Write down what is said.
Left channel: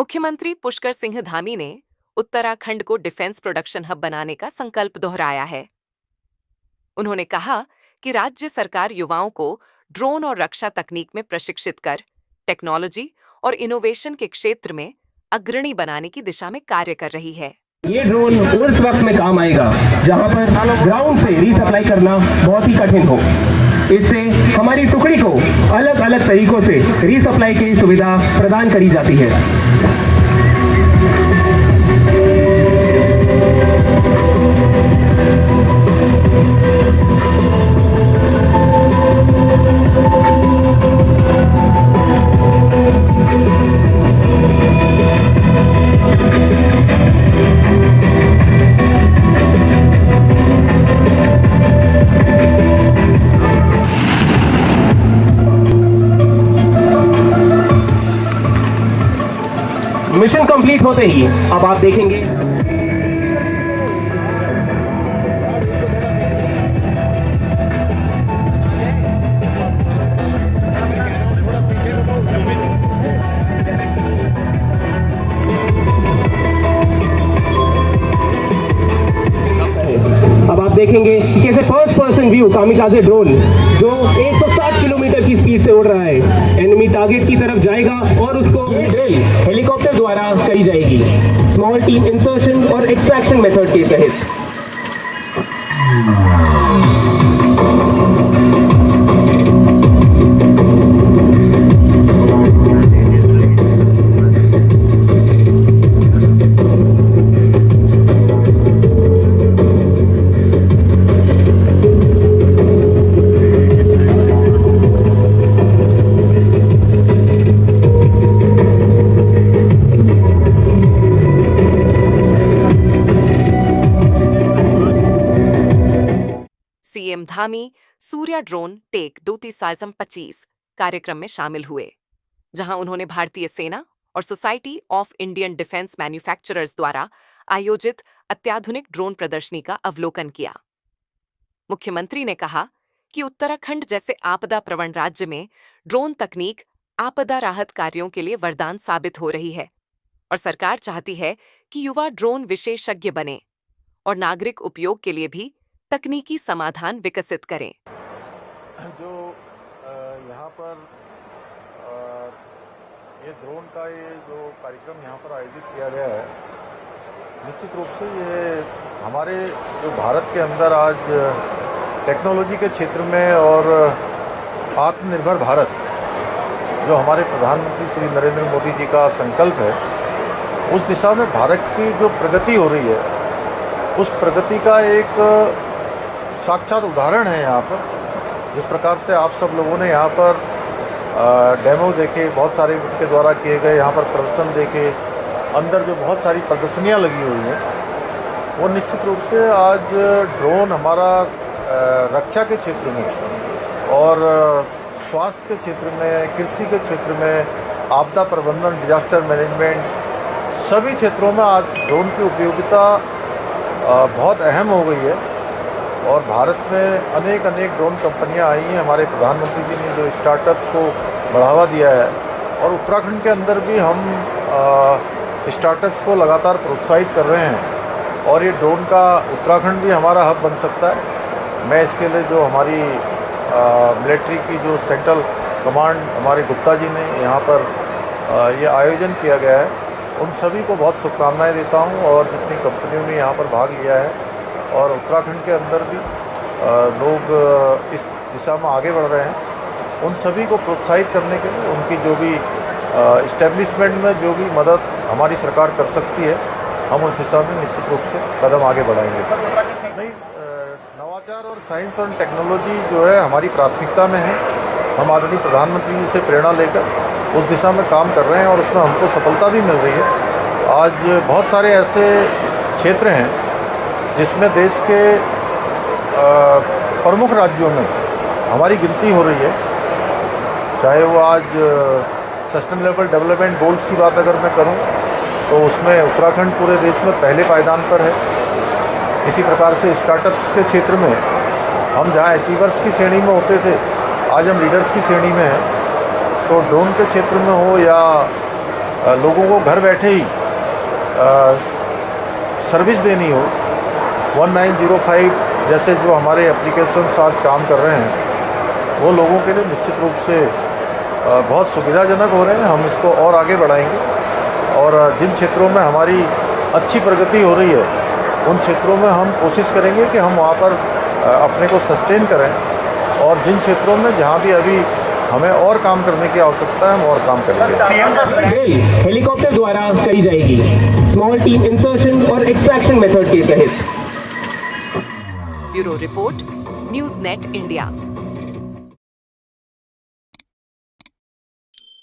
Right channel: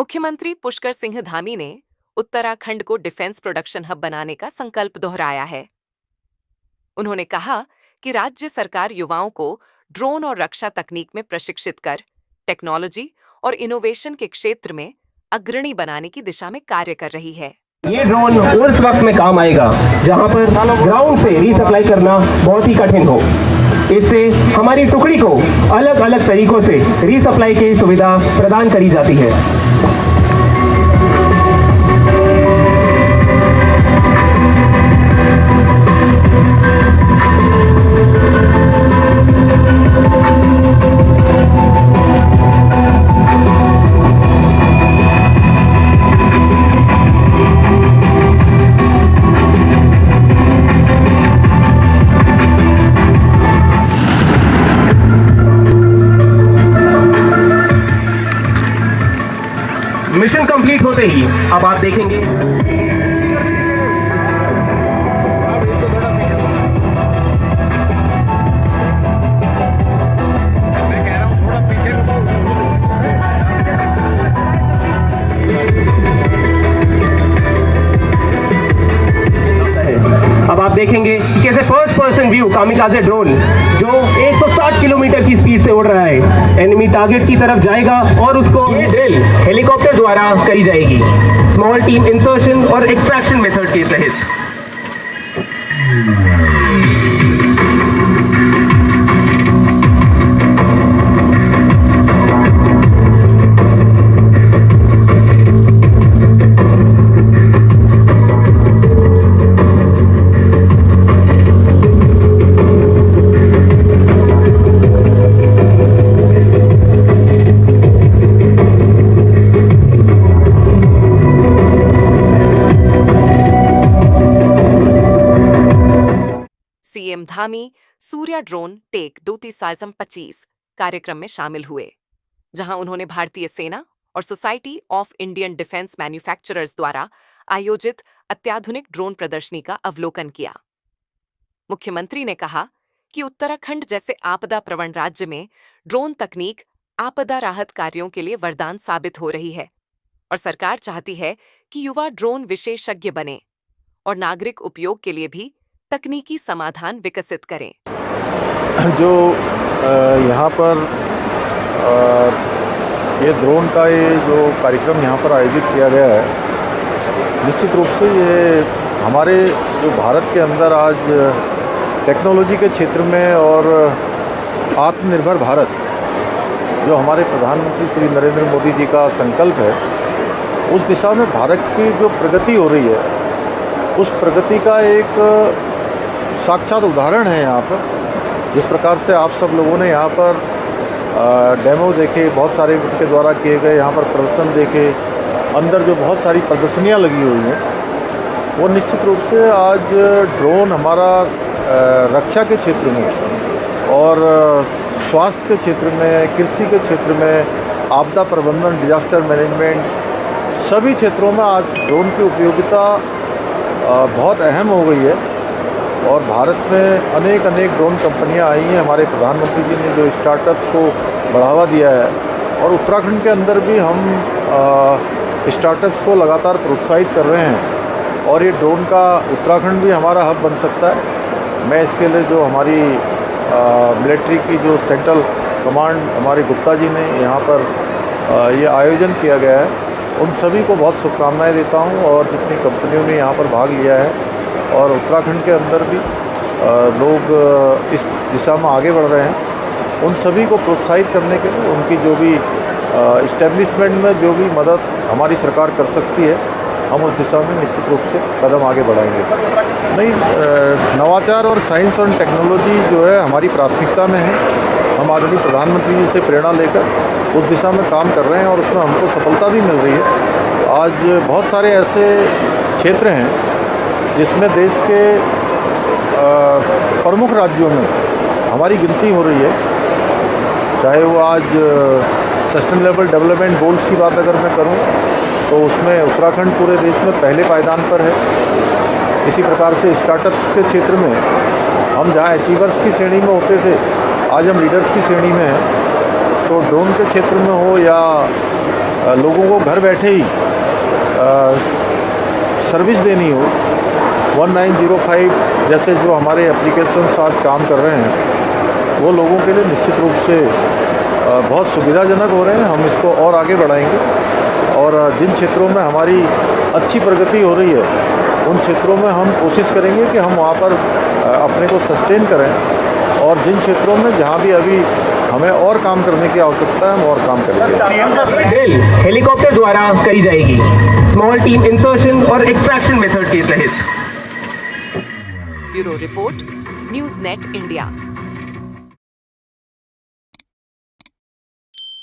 मुख्यमंत्री पुष्कर सिंह धामी ने उत्तराखंड को डिफेंस प्रोडक्शन हब बनाने का संकल्प दोहराया है। उन्होंने कहा कि राज्य सरकार युवाओं को ड्रोन और रक्षा तकनीक में प्रशिक्षित कर टेक्नोलॉजी और इनोवेशन के क्षेत्र में अग्रणी बनाने की दिशा में कार्य कर रही है। ये ड्रोन उस वक्त में काम आएगा जहां पर ग्राउंड से रीसप्लाई करना बहुत ही कठिन हो। इससे हमारी टुकड़ी को अलग अलग तरीकों से रीसप्लाई की सुविधा प्रदान करी जाती है। मिशन कंप्लीट होते ही अब आप देखेंगे कि कैसे first person view kamikaze drone जो 160 किलोमीटर की स्पीड से उड़ रहा है एनिमी टारगेट की तरफ जाएगा और उसको ये ड्रिल हेलीकॉप्टर द्वारा करी जाएगी स्मॉल टीम इंसर्शन और एक्सट्रैक्शन मेथड के तहत। CM Dhami Surya drone tech 2025 कार्यक्रम में शामिल हुए, जहां उन्होंने भारतीय सेना और society of Indian defence manufacturers द्वारा आयोजित अत्याधुनिक ड्रोन प्रदर्शनी का अवलोकन किया। मुख्यमंत्री ने कहा कि उत्तराखंड जैसे आपदा प्रवण राज्य में ड्रोन तकनीक आपदा राहत कार्यों के लिए वरदान साबित हो रही है और सरकार चाहती है कि युवा ड्रोन विशेषज्ञ बने और नागरिक उपयोग के लिए भी तकनीकी समाधान विकसित करें। जो यहाँ पर ये ड्रोन का ये जो कार्यक्रम यहाँ पर आयोजित किया गया है, निश्चित रूप से ये हमारे जो भारत के अंदर आज टेक्नोलॉजी के क्षेत्र में और आत्मनिर्भर भारत जो हमारे प्रधानमंत्री श्री नरेंद्र मोदी जी का संकल्प है, उस दिशा में भारत की जो प्रगति हो रही है, उस प्रगति का एक साक्षात उदाहरण है यहाँ पर। जिस प्रकार से आप सब लोगों ने यहाँ पर डेमो देखे, बहुत सारे उनके द्वारा किए गए यहाँ पर प्रदर्शन देखे, अंदर जो बहुत सारी प्रदर्शनियाँ लगी हुई हैं, वो निश्चित रूप से आज ड्रोन हमारा रक्षा के क्षेत्र में और स्वास्थ्य के क्षेत्र में, कृषि के क्षेत्र में, आपदा प्रबंधन, डिजास्टर मैनेजमेंट, सभी क्षेत्रों में आज ड्रोन की उपयोगिता बहुत अहम हो गई है। और भारत में अनेक ड्रोन कंपनियां आई हैं। हमारे प्रधानमंत्री जी ने जो स्टार्टअप्स को बढ़ावा दिया है और उत्तराखंड के अंदर भी हम स्टार्टअप्स को लगातार प्रोत्साहित कर रहे हैं और ये ड्रोन का उत्तराखंड भी हमारा हब बन सकता है। मैं इसके लिए जो हमारी मिलिट्री की जो सेंट्रल कमांड हमारे गुप्ता जी ने यहाँ पर ये आयोजन किया गया है, उन सभी को बहुत शुभकामनाएं देता हूँ और जितनी कंपनियों ने यहाँ पर भाग लिया है और उत्तराखंड के अंदर भी लोग इस दिशा में आगे बढ़ रहे हैं, उन सभी को प्रोत्साहित करने के लिए उनकी जो भी इस्टेब्लिशमेंट में जो भी मदद हमारी सरकार कर सकती है, हम उस दिशा में निश्चित रूप से कदम आगे बढ़ाएंगे। नहीं, नवाचार और साइंस और टेक्नोलॉजी जो है हमारी प्राथमिकता में है। हम आदरणीय प्रधानमंत्री जी से प्रेरणा लेकर उस दिशा में काम कर रहे हैं और उसमें हमको सफलता भी मिल रही है। आज बहुत सारे ऐसे क्षेत्र हैं जिसमें देश के प्रमुख राज्यों में हमारी गिनती हो रही है, चाहे वो आज सस्टेनेबल डेवलपमेंट गोल्स की बात अगर मैं करूँ तो उसमें उत्तराखंड पूरे देश में पहले पायदान पर है। इसी प्रकार से स्टार्टअप्स के क्षेत्र में हम जहाँ अचीवर्स की श्रेणी में होते थे, आज हम लीडर्स की श्रेणी में हैं। तो ड्रोन के क्षेत्र में हो या लोगों को घर बैठे ही सर्विस देनी हो, 1905 जैसे जो हमारे एप्लीकेशंस आज काम कर रहे हैं वो लोगों के लिए निश्चित रूप से बहुत सुविधाजनक हो रहे हैं। हम इसको और आगे बढ़ाएंगे और जिन क्षेत्रों में हमारी अच्छी प्रगति हो रही है उन क्षेत्रों में हम कोशिश करेंगे कि हम वहाँ पर अपने को सस्टेन करें और जिन क्षेत्रों में जहाँ भी अभी हमें और काम करने की आवश्यकता है हम और काम करेंगे। ये ड्रिल हेलीकॉप्टर द्वारा करी जाएगी, स्मॉल टीम इंसर्शन और एक्सट्रैक्शन मेथड के तहत। Bureau report, news net India.